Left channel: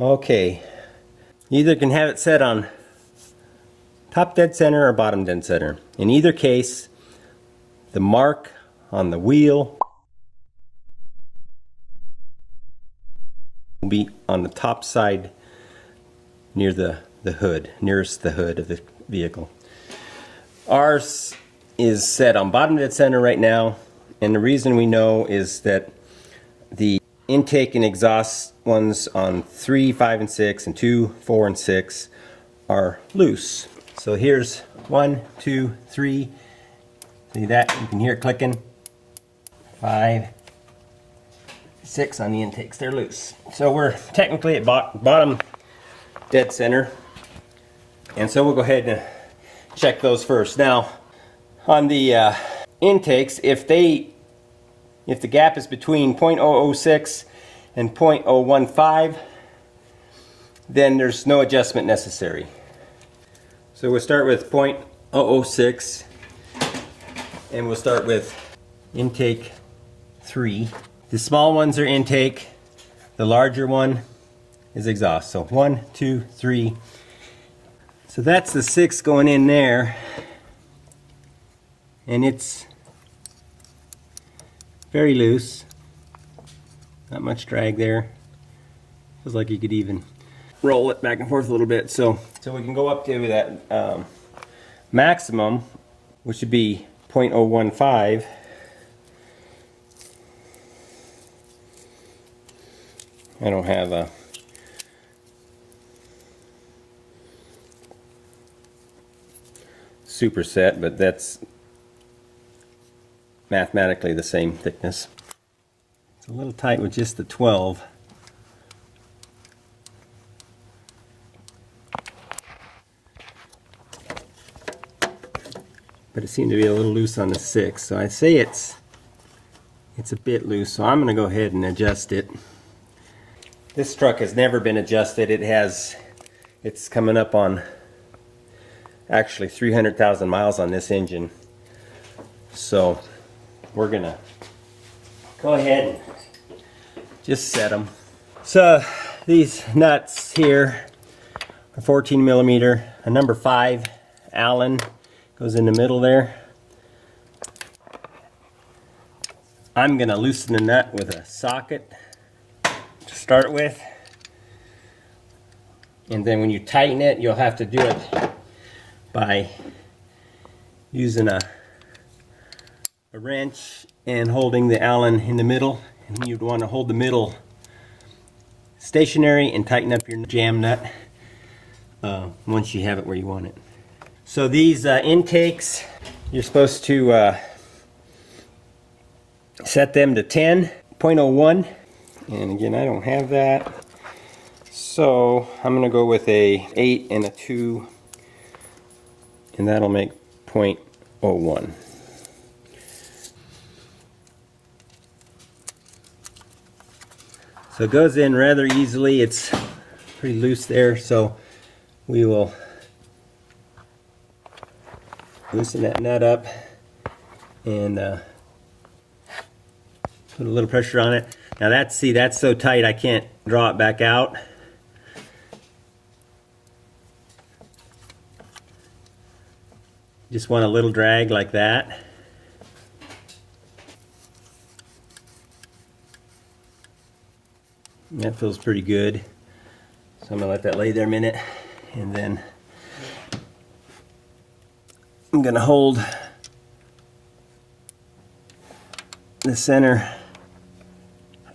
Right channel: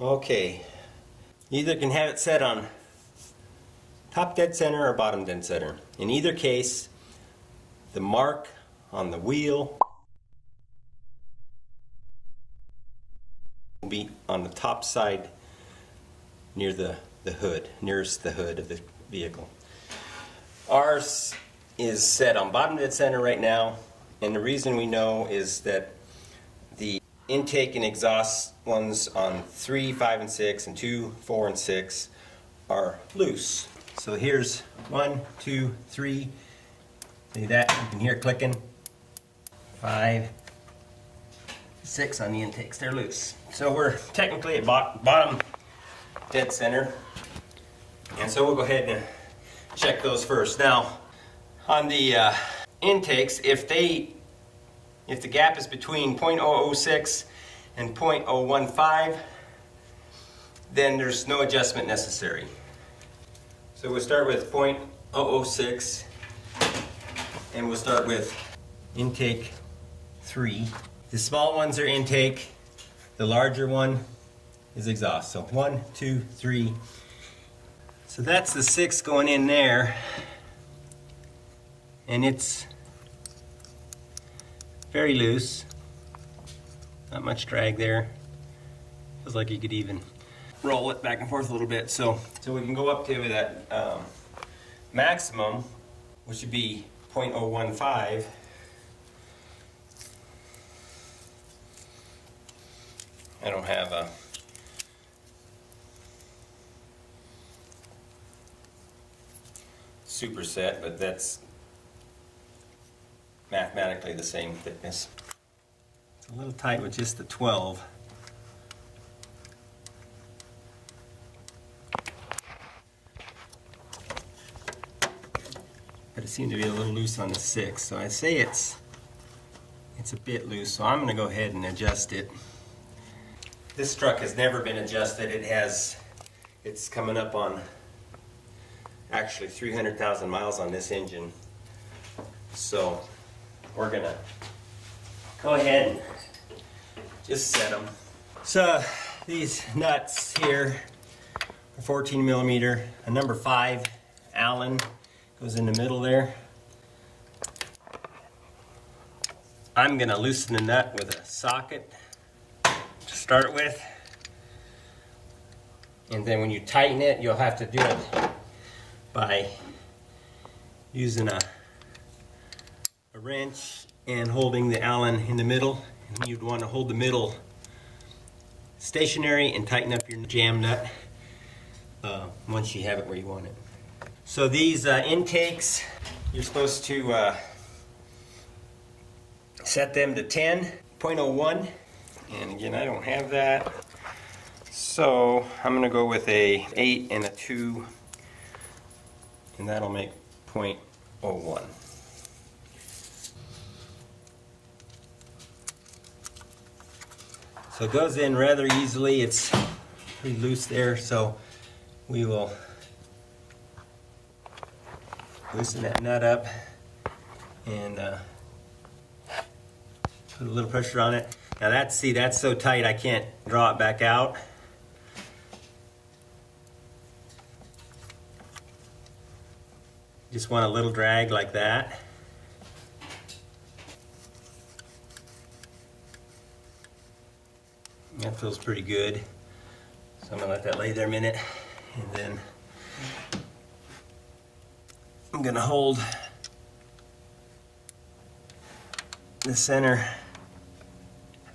Okay, you either can have it set on top dead center or bottom dead center. In either case, the mark on the wheel will be on the top side near the hood, nearest the hood of the vehicle. Ours is set on bottom dead center right now, and the reason we know is that the intake and exhaust ones on 3, 5, and 6 and 2, 4, and 6 are loose. So here's 1, 2, 3. See that? You can hear it clicking. 5, 6 on the intakes. They're loose. So we're technically at bottom dead center. And so we'll go ahead and check those first. Now, on the intakes, if the gap is between 0.006 and 0.015, then there's no adjustment necessary. So we'll start with 0.006, and we'll start with intake 3. The small ones are intake, the larger one is exhaust. So 1, 2, 3. So that's the 6 going in there, and it's very loose, not much drag there. Feels like you could even roll it back and forth a little bit. So we can go up to that maximum, which would be 0.015. I don't have a superset, but that's mathematically the same thickness. It's a little tight with just the 12. But it seemed to be a little loose on the 6. So I'd say it's a bit loose. So I'm going to go ahead and adjust it. This truck has never been adjusted. It's coming up on actually 300,000 miles on this engine. So we're gonna go ahead and just set them. So these nuts here are 14 millimeter. A number 5 Allen goes in the middle there. I'm gonna loosen the nut with a socket to start with, and then when you tighten it, you'll have to do it by using a wrench and holding the Allen in the middle. And you'd want to hold the middle stationary and tighten up your jam nut once you have it where you want it. So these intakes, you're supposed to set them to 10.01, and again, I don't have that, so I'm going to go with a 8 and a 2, and that'll make 0.01. So it goes in rather easily. It's pretty loose there, so we will loosen that nut up and put a little pressure on it. Now that's so tight I can't draw it back out. Just want a little drag like that. That feels pretty good. So I'm gonna let that lay there a minute, and then I'm gonna hold the center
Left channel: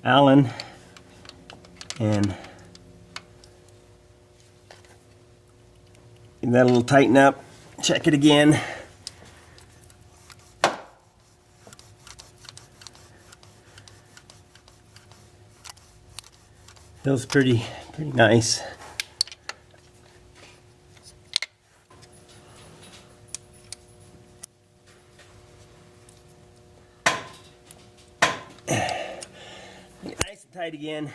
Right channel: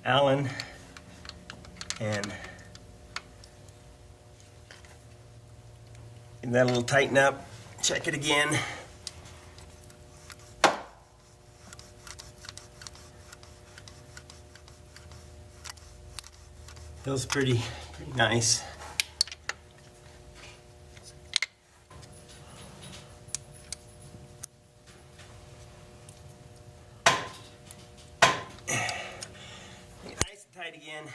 Allen and give that a little tighten up. Check it again. Feels pretty nice. Nice and tight again.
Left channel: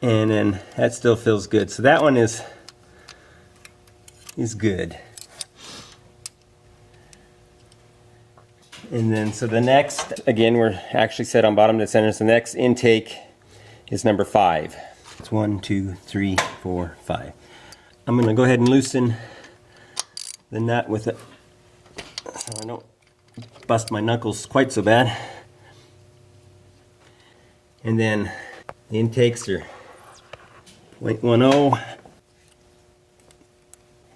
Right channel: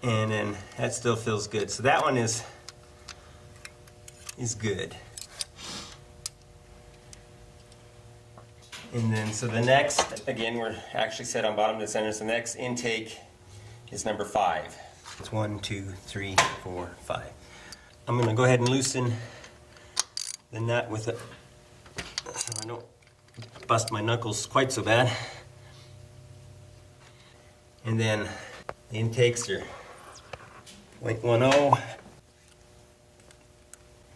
And then that still feels good. So that one is good. And then, so the next, again, we're actually set on bottom dead center. So the next intake is number 5. It's 1, 2, 3, 4, 5. I'm going to go ahead and loosen the nut with it so I don't bust my knuckles quite so bad. And then the intakes are 0.10.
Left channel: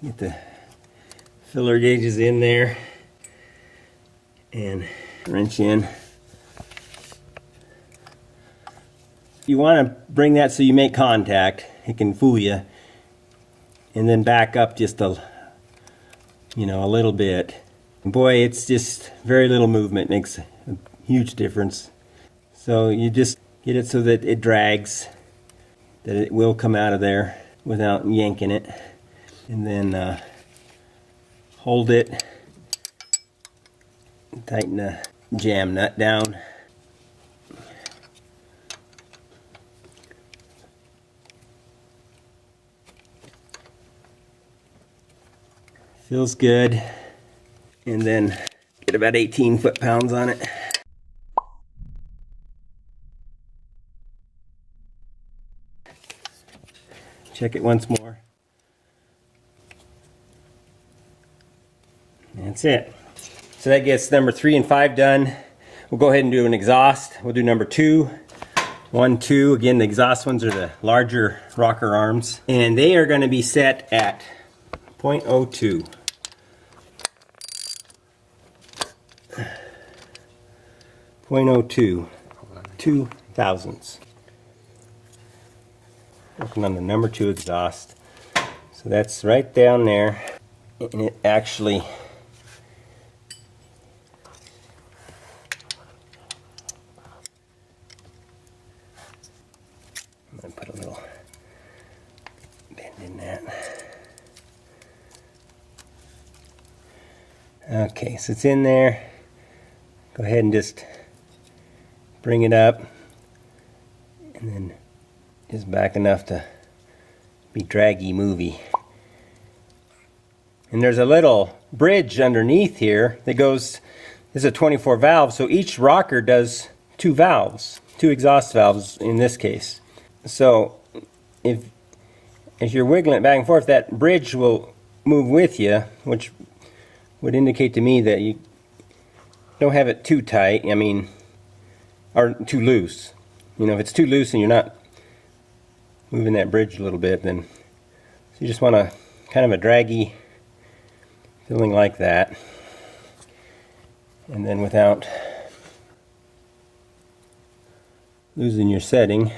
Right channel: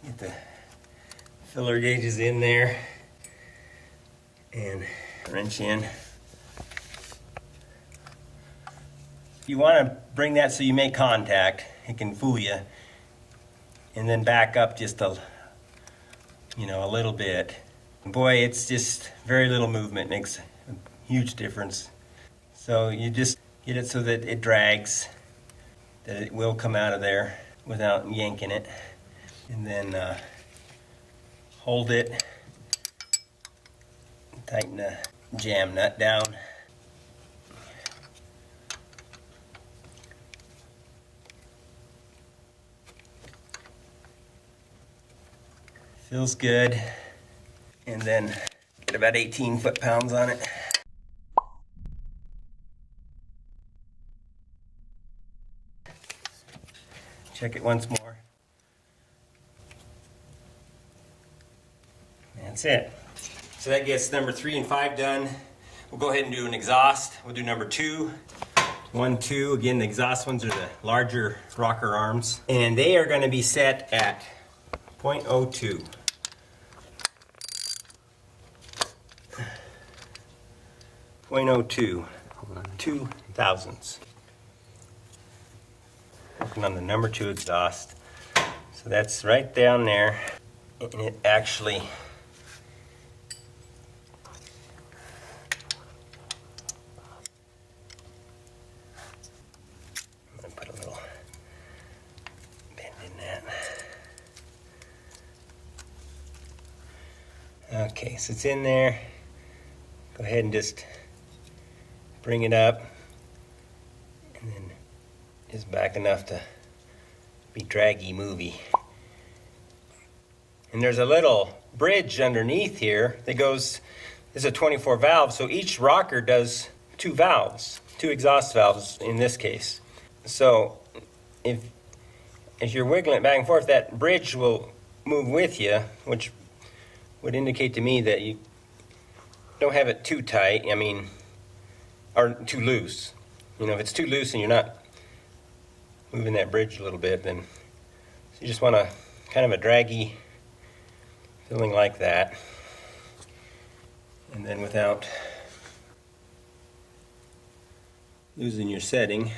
Get the filler gauges in there and wrench in. You want to bring that so you make contact. It can fool you. And then back up just a little bit. Boy, it's just very little movement makes a huge difference. So you just get it so that it drags, that it will come out of there without yanking it. And then hold it, tighten the jam nut down. Feels good. And then get about 18 foot-pounds on it. Check it once more. That's it. So that gets number 3 and 5 done. We'll go ahead and do an exhaust. We'll do number 2. 1, 2. Again, the exhaust ones are the larger rocker arms. And they are going to be set at 0.02. 0.02. 2 thousandths. Working on the number 2 exhaust. So that's right down there. And it actually I'm going to put a little bend in that. Okay, so it's in there. Go ahead and just bring it up, and then just back enough to be draggy movey. And there's a little bridge underneath here that goes, this is a 24 valve, so each rocker does 2 valves, 2 exhaust valves in this case. So if you're wiggling it back and forth, that bridge will move with you, which would indicate to me that you don't have it too tight, or too loose. If it's too loose and you're not moving that bridge a little bit, then so you just want a kind of a draggy feeling like that. And then without losing your setting,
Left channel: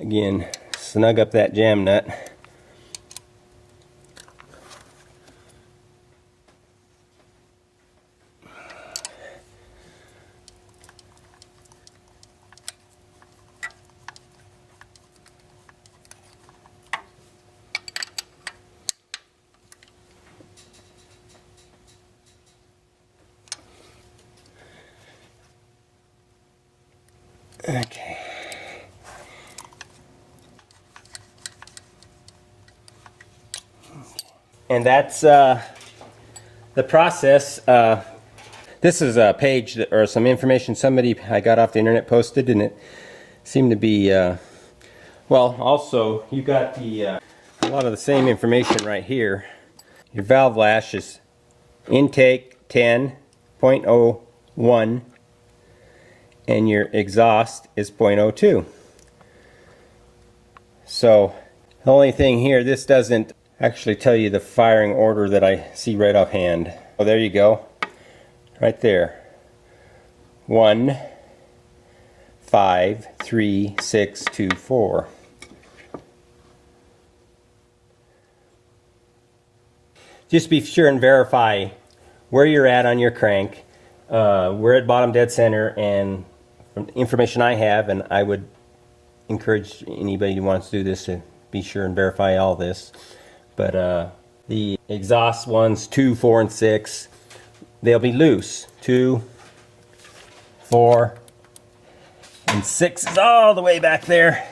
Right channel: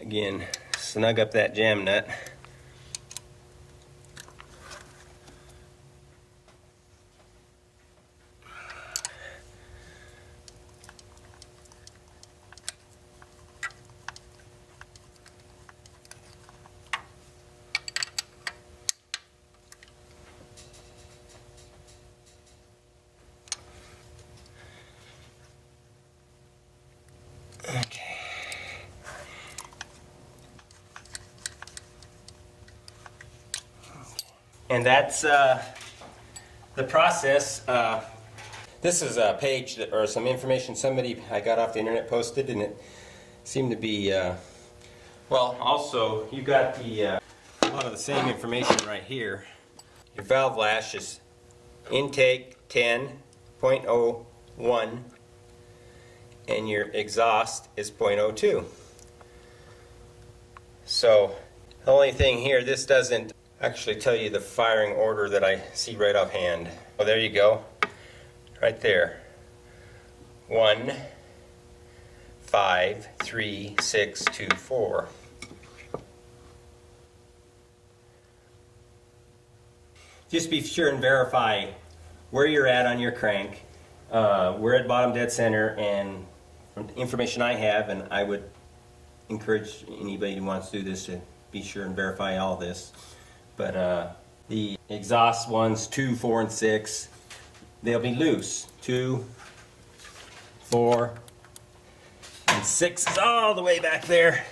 again, snug up that jam nut. Okay. And that's the process. This is a page or some information I got off the internet posted, and it seemed to be well, also you got a lot of the same information right here. Your valve lash is intake 10.01 and your exhaust is 0.02. So the only thing here, this doesn't actually tell you the firing order that I see right offhand. Oh, there you go, right there. 1, 5, 3, 6, 2, 4. Just be sure and verify where you're at on your crank. We're at bottom dead center, and from the information I have, and I would encourage anybody who wants to do this to be sure and verify all this. But the exhaust ones, 2, 4, and 6, they'll be loose. 2, 4, and 6 is all the way back there,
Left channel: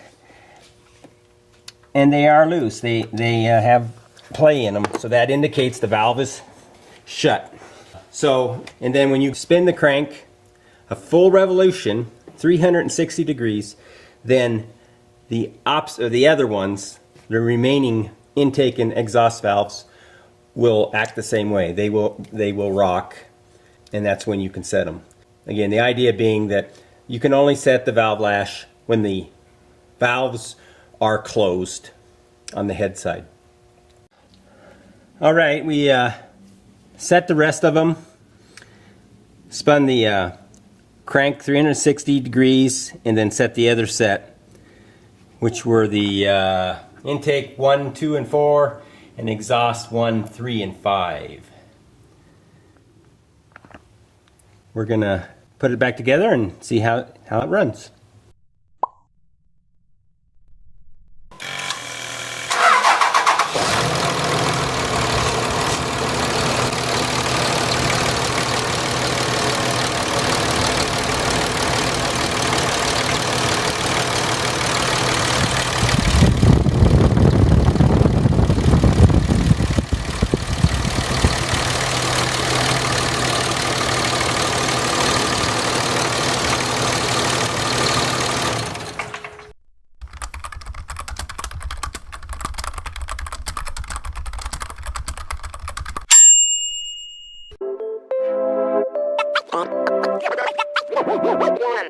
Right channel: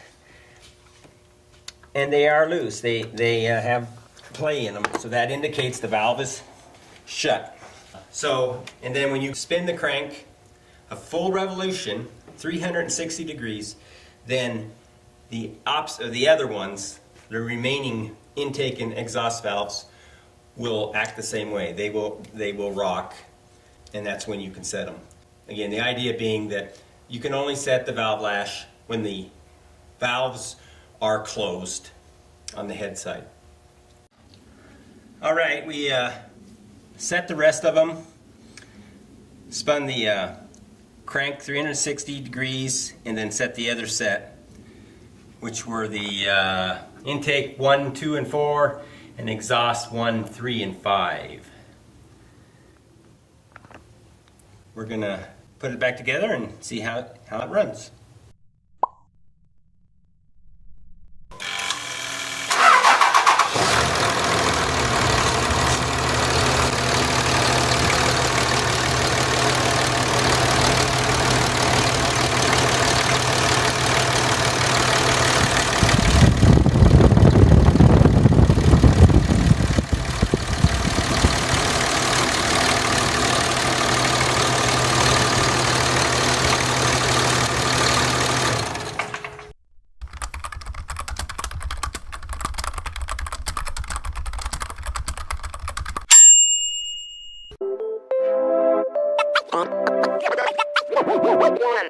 and they are loose. They have play in them, so that indicates the valve is shut. So, and then when you spin the crank a full revolution, 360 degrees, then the other ones, the remaining intake and exhaust valves, will act the same way. They will rock, and that's when you can set them. Again, the idea being that you can only set the valve lash when the valves are closed on the head side. All right, we set the rest of them, spun the crank 360 degrees, and then set the other set, which were the intake 1, 2, and 4, and exhaust 1, 3, and 5. We're gonna put it back together and see how it runs. One.